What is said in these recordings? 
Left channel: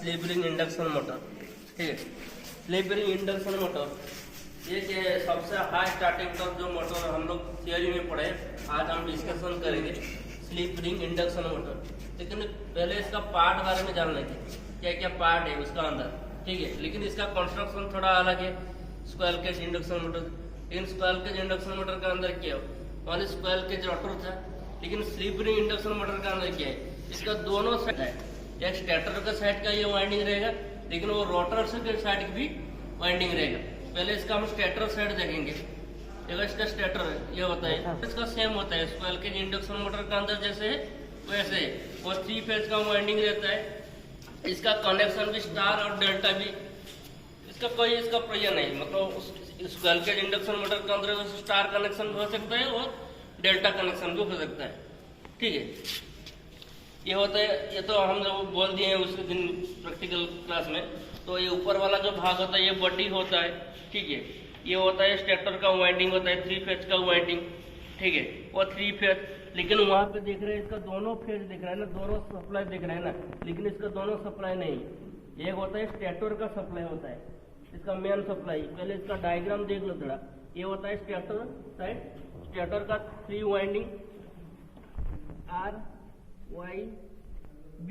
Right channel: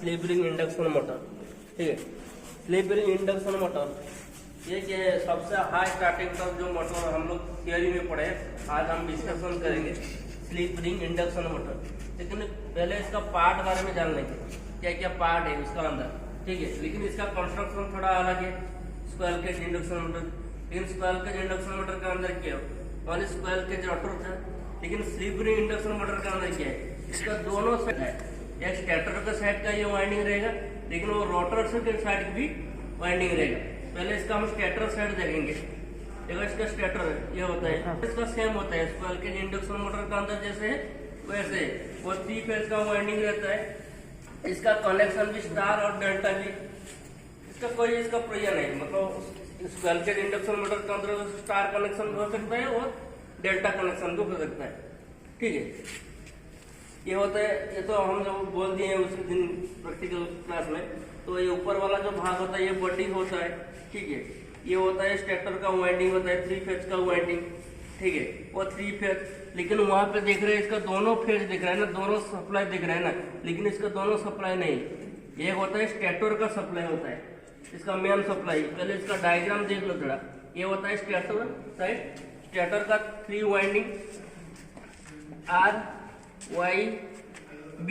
Slip ring induction motor. ठीक है, slip ring induction motor ये सबसे हाई स्टार्टिंग का जो मोटर हम लोग थियरी में पढ़े, आज हम डिस्कशन करेंगे स्लिप रिंग इंडक्शन मोटर। लेकिन पहले इसका पार्ट बारे में जान लेंगे, क्या क्या पार्ट है उसका अंदर। ठीक है, लेकिन इसका कंस्ट्रक्शन थोड़ा अलग है स्क्वायर केज इंडक्शन मोटर। लेकिन स्क्वायर केज इंडक्शन मोटर के अंदर क्या हो, और स्क्वायर केज रोटर था। लेकिन स्लिप रिंग इंडक्शन मोटर के अंदर क्या है, इसका दोनों साइड है, एक स्टेटर के साइड का ये वाइंडिंग रहेगा, लेकिन वो रोटर के साइड की भी वाइंडिंग रहेगा। पहले इसका हम स्टेटर साइड देखेंगे। देखो इसका स्टेटर ये होता है, इसका सेम होता है स्क्वायर केज इंडक्शन मोटर के अंदर जैसे है वैसे वो 3 फेज का वाइंडिंग रहता है। इसका कनेक्शन भी स्टार और डेल्टा भी, इसका कोई इसका प्रयोजन नहीं, मतलब स्क्वायर केज इंडक्शन मोटर के अंदर स्टार कनेक्शन भी हो सकता है और डेल्टा कनेक्शन भी हो सकता है। ठीक है, ये होता है, ये तो हम लोग बोल दिए हैं उसके दिन प्रैक्टिकल क्लास में। तो ये ऊपर वाला जो भाग होता है ये बॉडी होता है। ठीक है, ये होता है स्टेटर का वाइंडिंग होता है, 3 फेज का वाइंडिंग। ठीक है, वो 3 फेज, लेकिन वहां पे देख रहे हैं इसका दोनों फेज दिख रहा है ना, दोनों सप्लाई दिख रहा है ना, लेकिन इसका दोनों सप्लाई नहीं। एक होता है स्टेटर का सप्लाई होता है, इसका मेन सप्लाई। पहले इसका डायग्राम देख लो थोड़ा। ये होता है स्टेटर साइड, स्टेटर का 3 वाइंडिंग R, Y, B,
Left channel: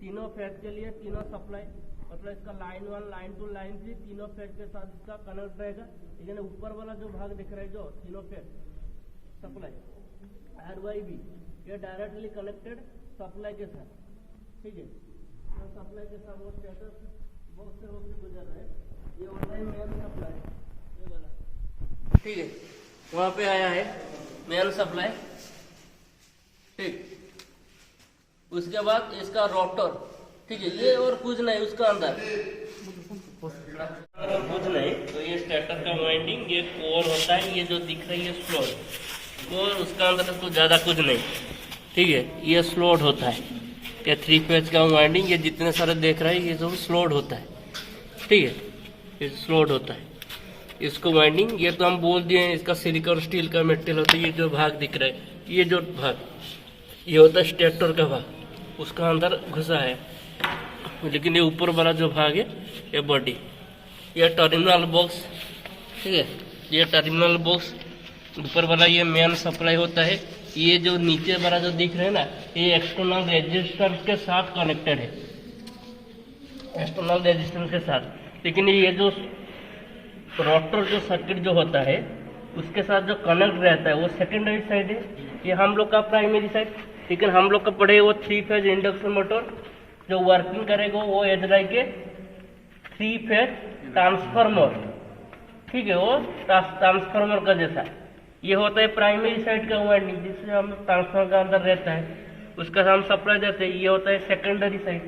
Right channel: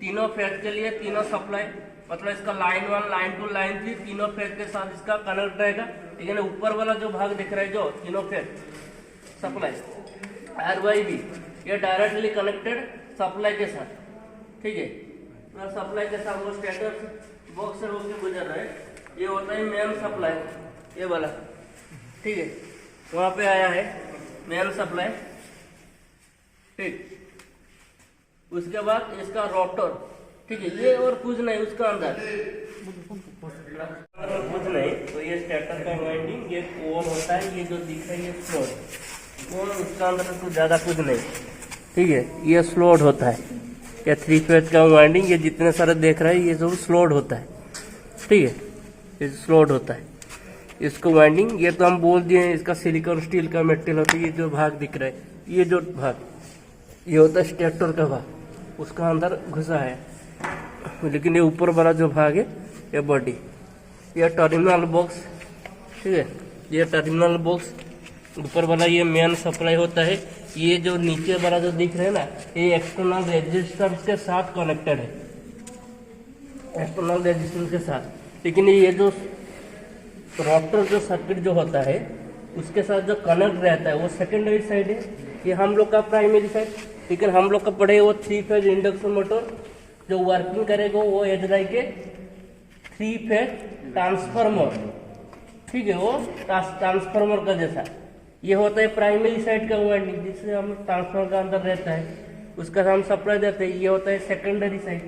तीनों फेज के लिए तीनों सप्लाई, मतलब इसका लाइन 1, लाइन 2, लाइन 3 तीनों फेज के साथ इसका कनेक्ट रहेगा। लेकिन ऊपर वाला जो भाग दिख रहा है जो तीनों phase supply R, Y, B, ये डायरेक्टली कनेक्टेड सप्लाई के साथ। ठीक है, सप्लाई के साथ वो स्टेटर बॉक्स से होकर गुजर रहा है। ये होता है मेन सप्लाई, ये वाला। ठीक है, वहां पे आया है मेन सप्लाई। ठीक, उसके बाद इसका रोटर। ठीक है, ये और कुछ नहीं उसका अंदर कुछ नहीं। तो ये स्टेटर का वाइंडिंग, ये कोर होता है, ये जो दिख रहा है ये स्लोट, और उसका अंदर तो ज्यादा कुछ नहीं। ठीक है, ये स्लोट होता है, या 3 फेज का वाइंडिंग, ये जितने सारे देख रहे हैं ये सब स्लोट होता है। ठीक है, ये स्लोट होता है इसको वाइंडिंग। ये तो हम बोल दिए इसका सिलिकॉन स्टील का मेटेरियल होता है। ये जो भाग दिख रहा है, ये जो भाग ये होता है स्टेटर का भाग, उसका अंदर घुसा है। लेकिन ये ऊपर वाला जो भाग है ये बॉडी, ये टर्मिनल बॉक्स। ठीक है, ये टर्मिनल बॉक्स ऊपर वाला ये मेन सप्लाई होता है। ये जो नीचे वाला जो दिख रहा है ना, ये एक्सटर्नल रेजिस्टेंस के साथ कनेक्टेड है, एक्सटर्नल रेजिस्टेंस के साथ। लेकिन ये जो रोटर जो सर्किट जो होता है उसके साथ जो कनेक्ट रहता है वो सेकेंडरी साइड है, ये हम लोग का प्राइमरी साइड। लेकिन हम लोग का पढ़े वो 3 फेज इंडक्शन मोटर जो वर्किंग करेगा वो एज लाइक के 3 फेज ट्रांसफार्मर। ठीक है, वो ट्रांसफार्मर का जैसा ये होता है प्राइमरी साइड का वाइंडिंग, जिससे हम ट्रांसफार्मर का अंदर रहता है, उसका हम सप्लाई देते हैं। ये होता है सेकेंडरी साइड।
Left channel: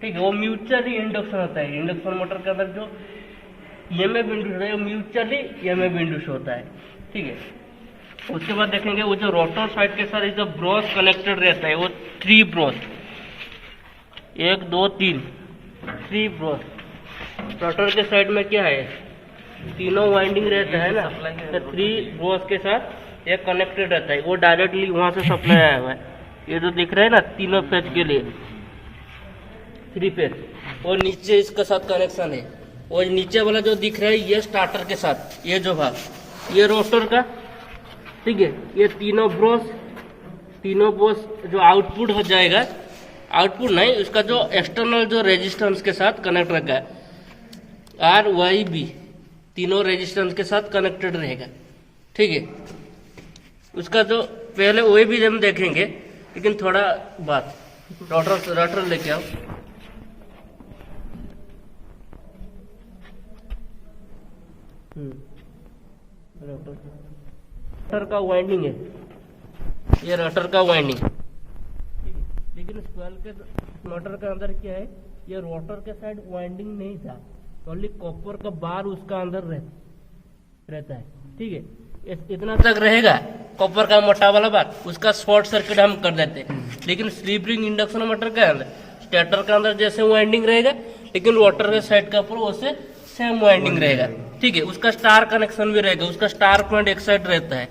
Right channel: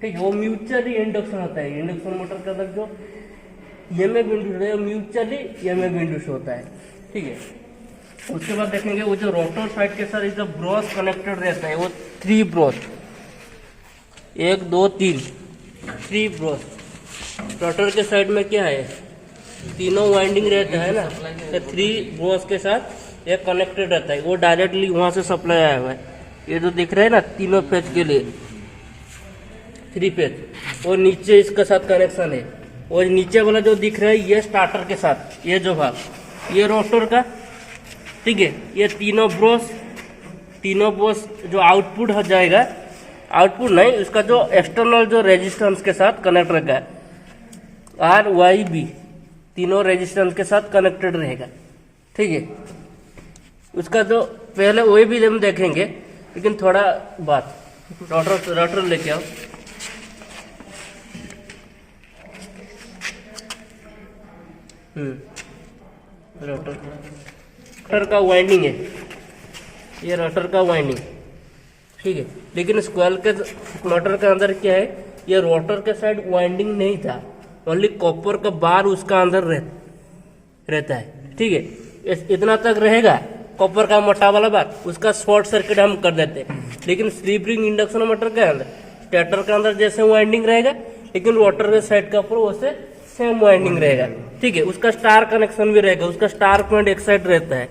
ठीक है, वो म्यूचुअली इंडक्शन होता है। इंडक्शन मोटर के अंदर जो EMF इंड्यूस है म्यूचुअली EMF इंड्यूस होता है। ठीक है, उसके बाद देखेंगे वो जो रोटर साइड के साथ जो ब्रश कनेक्टेड रहता है वो 3 ब्रश, 1, 2, 3 ब्रश। रोटर के साइड में क्या है, तीनों वाइंडिंग रहता है ना, तो 3 ब्रश के साथ ये कनेक्टेड रहता है, वो डायरेक्टली वहां से सप्लाई आया हुआ है। ये जो दिख रहा है ना तीनों फेज के लिए 3 फेज, वो नीचे इसके साथ कनेक्शन है। और नीचे वाला जो दिख रहा है ये स्टार्टर के साथ, ये जो भाग ये रोटर का। ठीक है, ये तीनों ब्रश जो आउटपुट हो जाएगा, आउटपुट नहीं उसका जो एक्सटर्नल जो रेजिस्टेंस के साथ कनेक्ट रहेगा, R, Y, B तीनों रेजिस्टेंस के साथ कनेक्टेड रहेगा। ठीक है, उसका जो पहले वही भी हम देखेंगे, लेकिन थोड़ा बात रोटर लेके आओ। रोटर का वाइंडिंग है, ये रोटर का वाइंडिंग। ठीक है, लेकिन स्क्वायर के मोटर के अंदर क्या है, ये रोटर के साइड वाइंडिंग नहीं था, ओनली कॉपर का बार उसका अंदर रहता है। ठीक है, इतना तक रहेगा कॉपर का मोटा वाला बार, उसका शॉर्ट सर्किट हम कर देते हैं। लेकिन स्लिप रिंग इंडक्शन मोटर के अंदर स्टेटर के अंदर जैसे वाइंडिंग रहेगा, लेकिन रोटर के साइड का ऊपर वैसे सेम वाइंडिंग रहेगा। ठीक है, उसका स्टार कनेक्शन भी रहेगा, उसका स्टार पॉइंट एक साइड रहता है,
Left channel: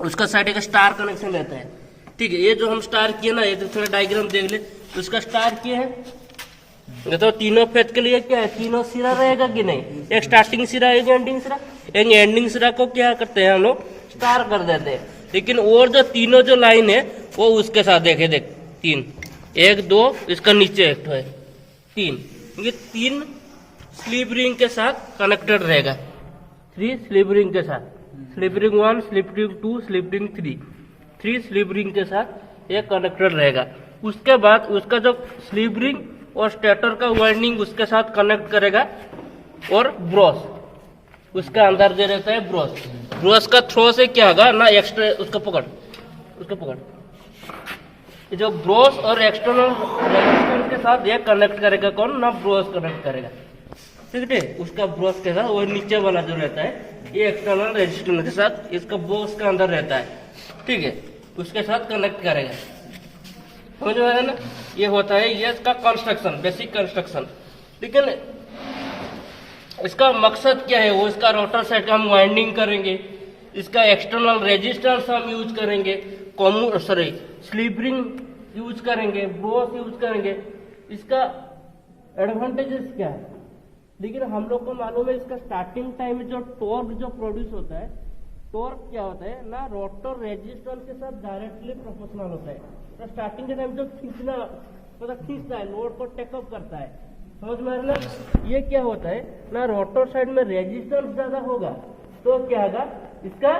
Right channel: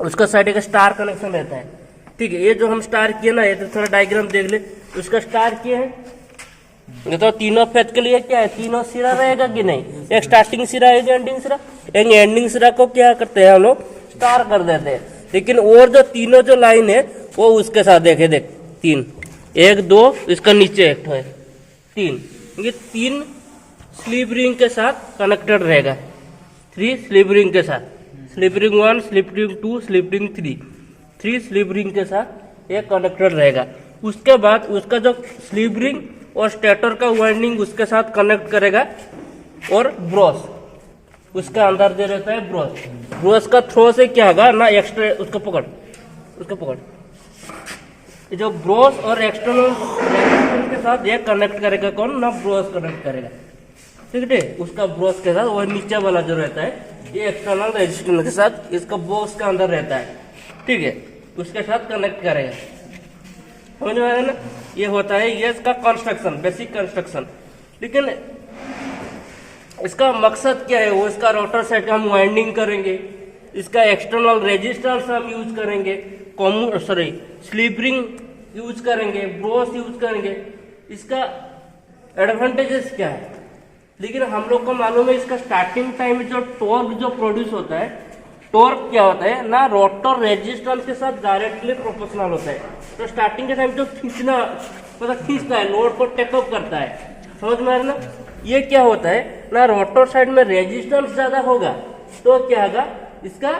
उसका साइड का स्टार कनेक्शन रहता है। ठीक है, ये जो हम स्टार किए ना, ये तो थोड़ा डायग्राम देख ले, उसका स्टार किए है, तो तीनों फेज के लिए क्या है, तीनों सिरा रहेगा कि नहीं, एक स्टार्टिंग सिरा एक एंडिंग सिरा। एक एंडिंग सिरा को क्या करते हैं हम लोग, स्टार कर देते हैं। लेकिन और जो तीनों जो लाइन है वो उसके साथ देखे, देख 3 1 2 इसका नीचे एक है 3, ये 3 स्लिप रिंग के साथ कनेक्टेड रहेगा। 3 स्लिप रिंग के साथ, slip ring 1 slip ring 2 slip ring 3 slip ring के साथ ये कनेक्टेड रहेगा। उसके बाद उसका जो स्लिप रिंग और स्टेटर का वाइंडिंग उसके साथ कनेक्ट करेगा, और ब्रश उसका अंदर दे रहता है। ब्रश का थ्रो से क्या होगा ना, एक्स्ट्रा उसका पकड़ ये जो ब्रश और एक्सटर्नल रेजिस्टेंस के साथ ये कनेक्ट करेगा कौन ना, ब्रश कनेक्ट करेगा, ठीक है। उसका ब्रश के साथ वो नीचे वाला जो रहता है ये एक्सटर्नल रेजिस्टेंस के साथ इसका ब्रश के अंदर रहता है, ठीक है, उसके साथ कनेक्ट करेगा। समझ में आया ना, ये होता है ये इसका कंस्ट्रक्शन, बेसिक कंस्ट्रक्शन। लेकिन इसका मकसद क्या है, वो इसका रोटर साइड का हम वाइंडिंग करेंगे, इसका एक्सटर्नल रेजिस्टेंस हम यूज करेंगे, स्लिप रिंग यूज करेंगे, ब्रश यूज करेंगे। इसका एडवांटेजेस क्या है, लेकिन हम लोग को मालूम है इसका स्टार्टिंग टाइम में जो टॉर्क जो प्रोड्यूस होता है, टॉर्क क्या होता है ना, रोटर रेजिस्टेंस के साथ डायरेक्टली प्रोपोर्शनल होता है। तो स्टार्टिंग के टाइम जो खींचना मतलब खींचता है, लोड को टेकअप करता है, समझ में आ रहा ना। ये क्या होता है ना, रोटर साइड में रेजिस्टेंस ज्यादा होगा तो क्या होगा, इसका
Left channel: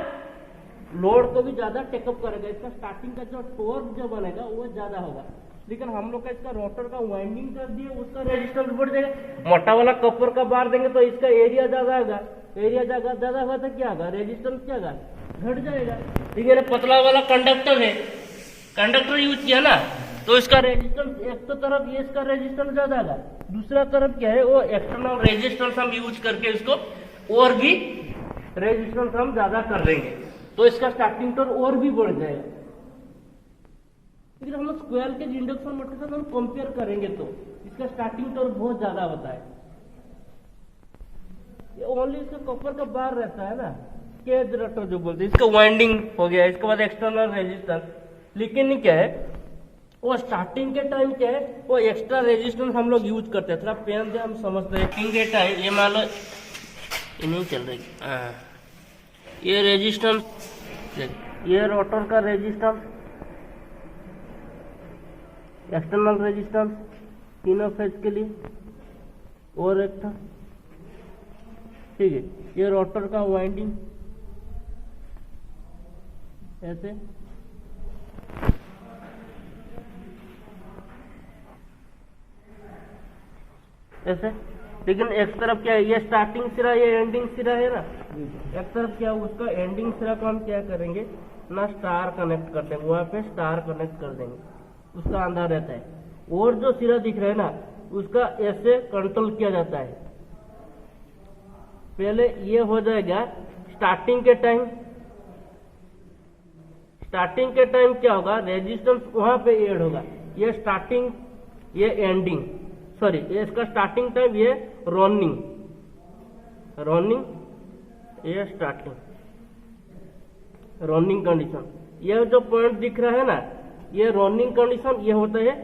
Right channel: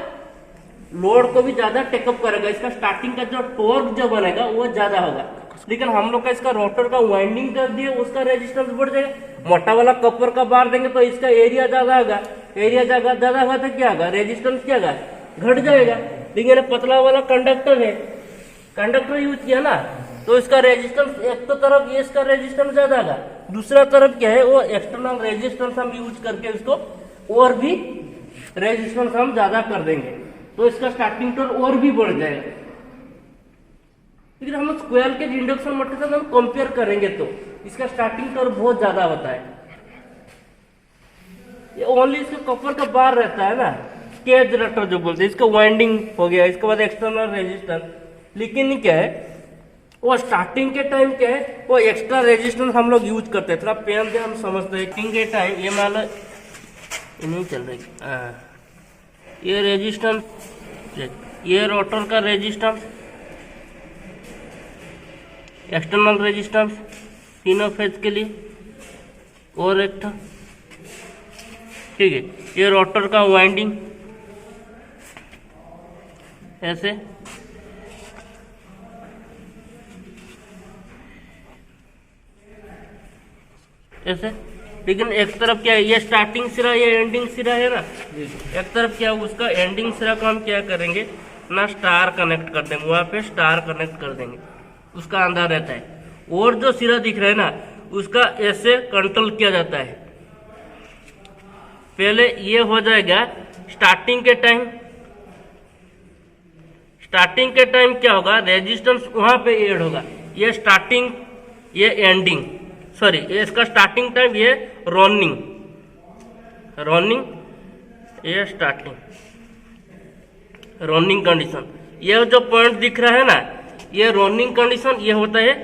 लोड को भी ज्यादा टेकअप करेगा, इसका स्टार्टिंग का जो टॉर्क जो बनेगा वो ज्यादा होगा। लेकिन हम लोग का इसका रोटर का वाइंडिंग कर दिए, उसका रेजिस्टेंस बढ़ जाएगा। मोटा वाला कपर का बार देंगे तो इसका एरिया ज्यादा होगा, एरिया ज्यादा होगा तो क्या होगा, रेजिस्टेंस क्या होगा, घट जाएगा। लेकिन पतला वाला कंडक्टर है, कंडक्टर यूज किया ना, तो इसका रेजिस्टेंस एक तो तरफ ये इसका रेजिस्टेंस ज्यादा होगा, दूसरा तरफ क्या है वो एक्सटर्नल रेजिस्टेंस हम यूज करके इसको और भी रेजिस्टेंस हम ज्यादा कर देंगे, तो इसका स्टार्टिंग टॉर्क और भी बढ़ जाएगा। लेकिन हम स्क्वायर के इंडक्शन मोटर के साथ हम कंपेयर करेंगे तो इसका स्टार्टिंग टॉर्क बहुत ज्यादा होता है। ये ओनली इसका कॉपर का बार रहता है ना, केज जनरेटर जो बोलते हैं, इसका वाइंडिंग हो गया, इसके बाद एक्सटर्नल रेजिस्टेंस। लेकिन क्या है वो स्टार्टिंग के टाइम क्या है वो एक्स्ट्रा रेजिस्टेंस हम लोग यूज करते हैं। थोड़ा पेन से हम समझते हैं। स्टार्टिंग के टाइम ये मान लो ये नहीं चल रही, ये रेजिस्टेंस, ये रोटर का रेजिस्टेंस, एक्सटर्नल रेजिस्टेंस तीनों फेज के लिए, और एक था, ठीक है। ये रोटर का वाइंडिंग ऐसे, ऐसे। लेकिन एक तरफ क्या है, ये स्टार्टिंग सिरा ये एंडिंग सिरा है ना, एक तरफ क्या है उसका एंडिंग सिरा को हम क्या करेंगे ना, स्टार कनेक्ट कर देंगे, वहां पे स्टार कनेक्ट कर देंगे, उसका अंदर रहता है। और जो सिरा दिख रहा है ना उसका ऐसे कंट्रोल किया जाता है। पहले ये हो जाएगा स्टार्टिंग के टाइम क्या होगा, रेजिस्टेंस वहां पे ऐड होगा, ये स्टार्टिंग ये एंडिंग, सॉरी ये इसका स्टार्टिंग टाइम, ये रनिंग ये स्टार्टिंग, रनिंग कंडीशन। ये जो पॉइंट दिख रहा है ना ये रनिंग कंडीशन, ये होता है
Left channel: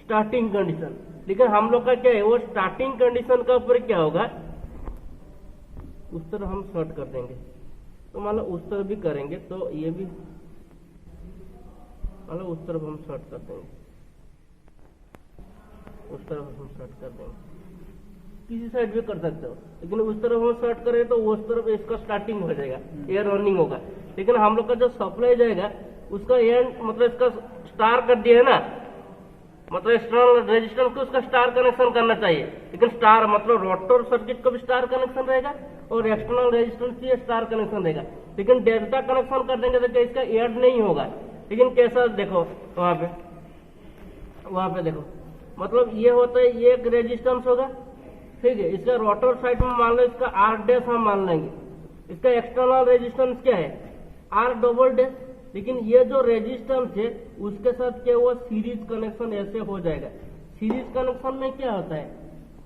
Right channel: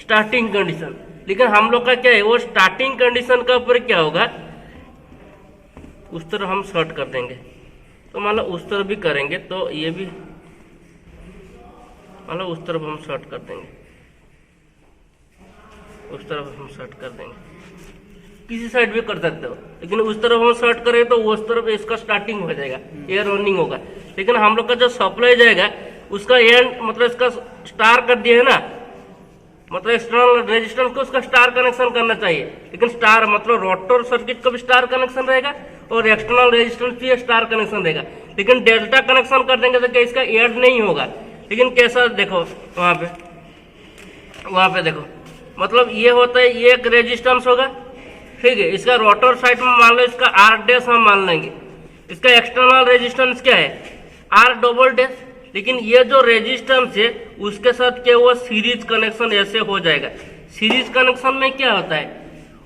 स्टार्टिंग कंडीशन। लेकिन हम लोग का क्या है वो स्टार्टिंग कंडीशन का ऊपर क्या होगा, उस तरफ हम शॉर्ट कर देंगे। तो मान लो उस तरफ भी करेंगे तो ये भी मान लो उस तरफ हम शॉर्ट कर देंगे, उस तरफ हम शॉर्ट कर देंगे, किसी साइड भी कर सकते हो। लेकिन उस तरफ हम शॉर्ट करें तो उस तरफ इसका स्टार्टिंग हो जाएगा, ये रनिंग होगा। लेकिन हम लोग का जो सप्लाई जाएगा उसका एंड मतलब इसका स्टार कर दिया है ना, मतलब एक्सटर्नल रेजिस्टेंस को उसका स्टार कनेक्शन करना चाहिए। लेकिन स्टार मतलब रोटर सर्किट को भी स्टार कनेक्शन रहेगा और एक्सटर्नल रेजिस्टेंस भी स्टार कनेक्शन रहेगा। लेकिन डेल्टा कनेक्शन कर देंगे तो क्या इसका ऐड नहीं होगा। लेकिन कैसा देखो वहां पे देखो, मतलब ये होता है ये एक रेजिस्टेंस होगा, ठीक है। इसका रोटर साइड में मान लो इसका आर डैश हम मान लेंगे, इसका एक्सटर्नल रेजिस्टेंस क्या है आर डबल डैश। लेकिन ये जो रेजिस्टेंस है उसके साथ क्या हुआ सीरीज कनेक्शन ऐसे हो जाएगा। सीरीज कनेक्शन में क्या होता है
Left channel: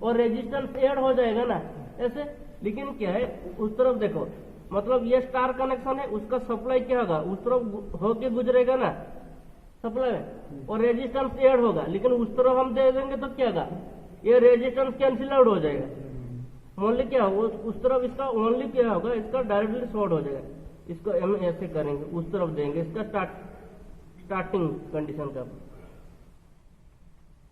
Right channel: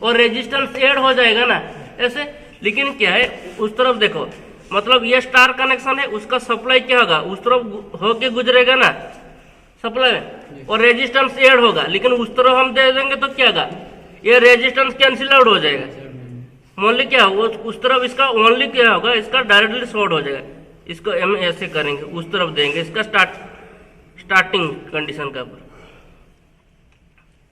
और रेजिस्टेंस ऐड हो जाएगा ना ऐसे। लेकिन क्या है उस तरफ देखो, मतलब ये स्टार कनेक्शन है, उसका सप्लाई क्या होगा उस तरफ होके गुजरेगा ना सप्लाई में, और रेजिस्टेंस ऐड होगा। लेकिन उस तरफ हम दे देंगे तो क्या होगा ये रेजिस्टेंस कैंसिल आउट हो जाएगा। ओनली क्या वो उस तरफ इसका ओनली क्या होगा, इसका डायरेक्टली शॉर्ट हो जाएगा। इसको हम ऐसे करेंगे, उस तरफ देंगे इसका स्टार्टिंग कंडीशन का ऊपर।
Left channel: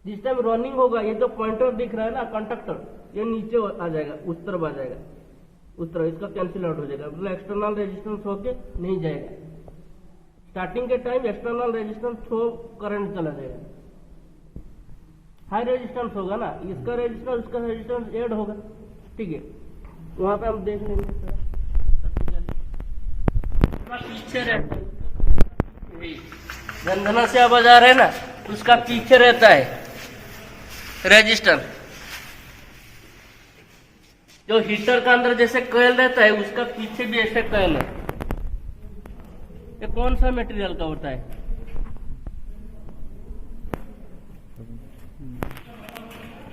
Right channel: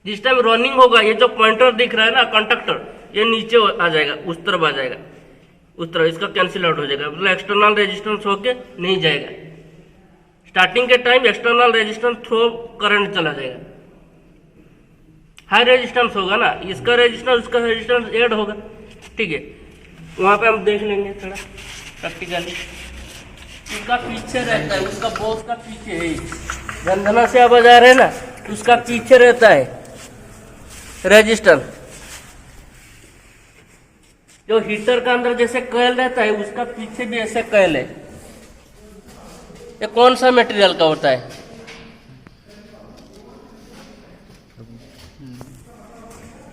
जिस टाइम रनिंग होगा ये जो पॉइंटर दिख रहा है ना कंडक्टर, ये नीचे आ जाएगा, उस तरफ आ जाएगा, उस तरफ इसका कैंसिल आउट हो जाएगा, मतलब एक्सटर्नल रेजिस्टेंस होके नहीं जाएगा। स्टार्टिंग के time external resistance through current चला जाएगा। हाई रेजिस्टेंस होगा ना, इसका रेजिस्टेंस उसका रेजिस्टेंस ऐड होगा, ठीक है। वहां पे हम देख लेंगे थोड़ा प्रैक्टिकली। उसका पीछे रहता है, उसका बॉस का पीछे है, गंधना से आप बाजार है ना, उसका पीछे रहता है रेजिस्टेंस। जो हीटर का अंदर जैसे कॉइल रहता है, उसका पीछे भी ऐसे कॉइल है। ये कौन सा मटेरियल का होता है?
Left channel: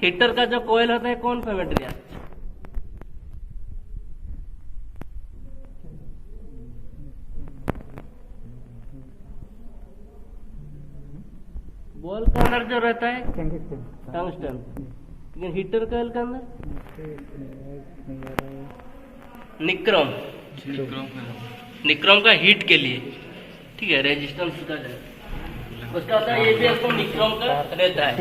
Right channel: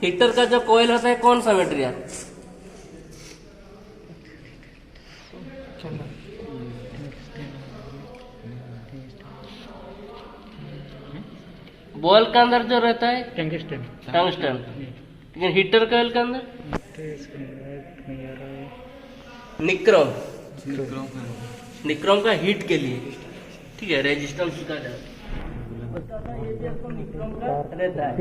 हीटर का जो कॉइल होता है कौन सा मटेरियल? बॉल के अंदर जो रहता है टंगस्टन। लेकिन हीटर कॉइल के अंदर निक्रोम का हीट के लिए, ठीक है, रेजिस्टेंस उसका होता है। ये भी आपको निक्रोम का रहता है।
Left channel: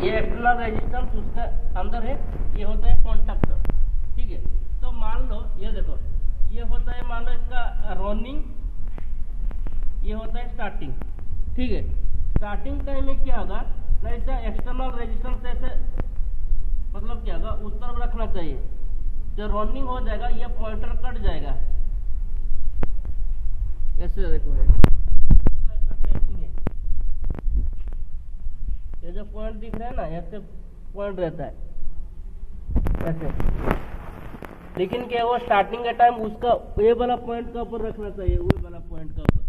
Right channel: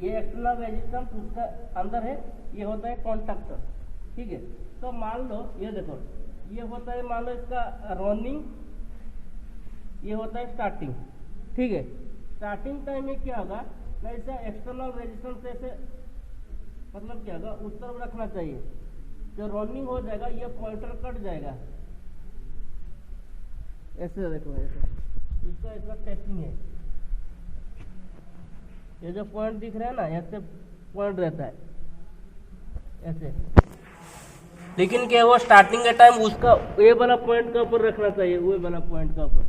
ये एक्सटर्नल रेजिस्टेंस उसका अंदर है, ये होता है कॉन्टैक्टर, ठीक है। तो मान लो ये देखो, ये होता है मान लो इसका रनिंग, ये होता है स्टार्टिंग, ठीक है। स्टार्टिंग टाइम में क्या होगा ना, इसका एक्सटर्नल रेजिस्टेंस ऐसे मतलब क्या होगा उस तरफ रखना चाहिए। जब रनिंग हो जाएगा ये पॉइंटर कट जाएगा, ऐसे देखो इसका ऐसा टैपिंग है। ये जो पॉइंट दिख रहा है ना, ऐसे पॉइंट रहता है ऐसे। लेकिन क्या वो स्टार्टिंग के टाइम उसका ये वाला पॉइंट का ऊपर रखना चाहिए, वो वाला पॉइंट का ऊपर,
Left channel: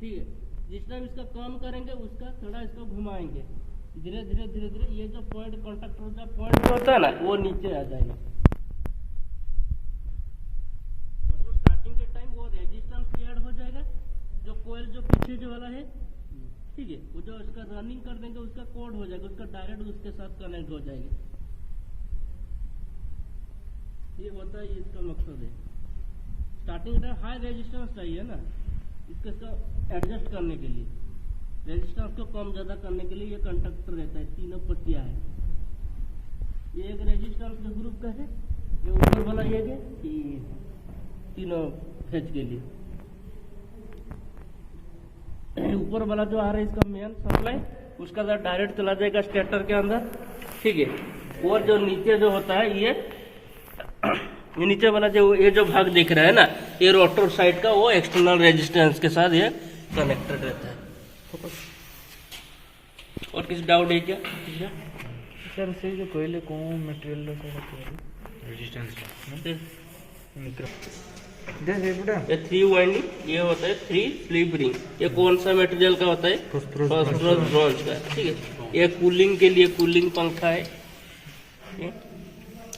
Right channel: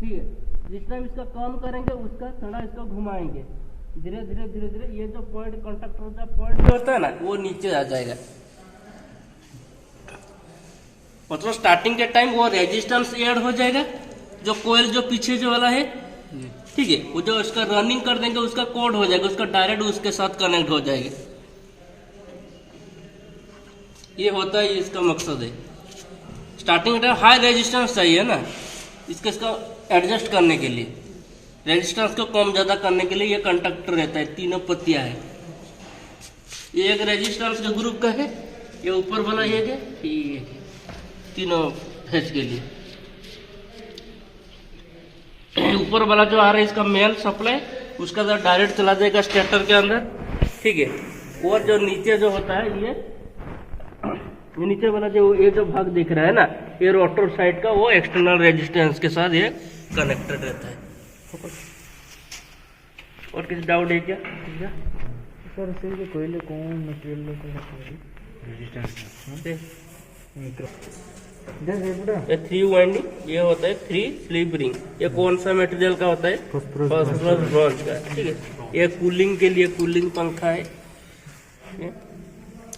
ठीक है। जिस टाइम इसका काम करेंगे उसका थोड़ा इसको घुमाएंगे, धीरे धीरे धीरे धीरे ये जो पॉइंट कंडक्टर का पॉइंट जो होता है ना, वो नीचे आ जाएगा। मतलब स्टार्टिंग के टाइम वो रेजिस्टेंस ऐड हो जाएगा, जो कोयल जो पीछे जो वाला है, ठीक है, वो जो इसका रनिंग कर देंगे उसका कोड हो जाएगा, उसका डायरेक्ट उसके साथ कनेक्ट हो जाएगा। ये होता है, इसका मकसद है। स्टार्टिंग के टाइम हाई रेजिस्टेंस चाहिए ना, इसका एडजस्ट करने के लिए, रेजिस्टेंस को कम ज़्यादा करने के लिए ये कंडक्टर रहता है। तीनों पत्तियां है। ये एक रेजिस्टेंस जो ग्रुप का है, ये ऊपर वाला ये है, ये तीनों फेज के लिए। ऊपर वाला जो आ रहा है इसका मेल सप्लाई, उसका तो डायरेक्ट चला जाएगा स्टेटर के अंदर, ठीक है। और जो नीचे जो होता है ये नीचे वाला जो ये जो भाग दिख रहा है ना, ये रोटर साइड का, वो एक्सटर्नल रेजिस्टेंस के साथ ये कनेक्टेड रहता है। और किसी डाउट है क्या सर? से कोयले कौन मटेरियल रेजिस्टेंस ये 3 वाइंडिंग, ये होता है 3 स्लीप रिंग। ये कौन सा मटेरियल का होता है? फास्फोरस ब्रॉन्ज का, ठीक है। ये कूलिंग के लिए कूलिंग पंखा है,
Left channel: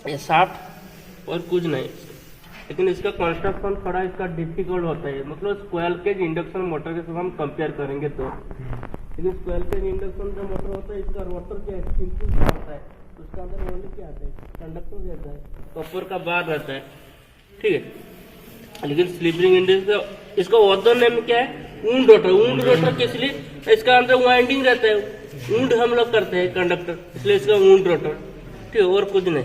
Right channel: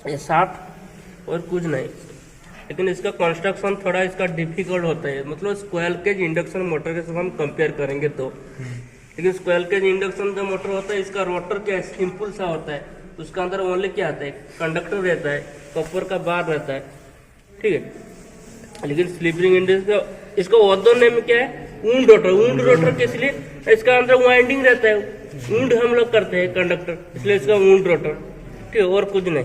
ये साफ और कुछ नहीं। लेकिन इसका कंस्ट्रक्शन थोड़ा इसका डिफिकल्ट होता है, मतलब स्क्वायर केज इंडक्शन मोटर के साथ हम कंपेयर करेंगे तो। लेकिन स्क्वायर केज इंडक्शन जो मोटर होता है, इसका रोटर क्या सिंपल सा होता है, उसका अंदर ओनली क्या आता है, कंडक्टर रहता है, कॉपर का बार रहता है, ठीक है। लेकिन स्लिप रिंग इंडक्शन इसका ऑर्डर नेम क्या है? Wound rotor. वुंड रोटर किस लिए? इसका अंदर वाइंडिंग रहता है, वुंड हम लोग करते हैं कंडक्टर, इसलिए इसका वुंड रोटर, ठीक है, और कुछ नहीं।